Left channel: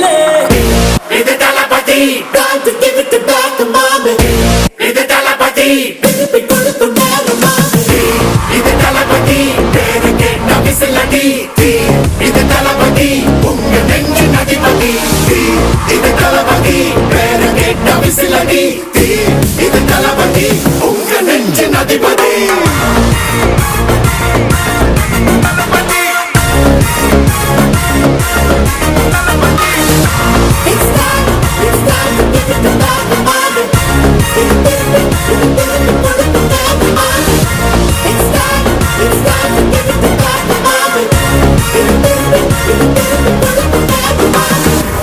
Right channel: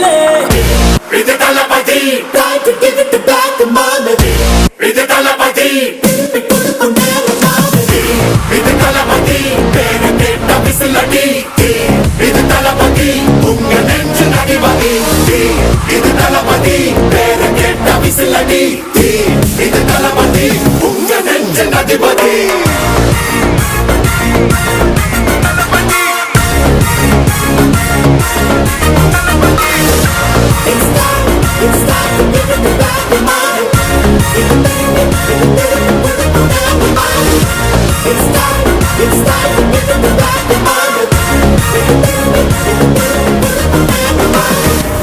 கையிலே. இது தளபதி இது தளபதி இது தளபதி பேரு கேட்ட விசிலடி இது தளபதி உங்க நெஞ்சு அதிபதி இது தளபதி பேரு கேட்ட விசிலடி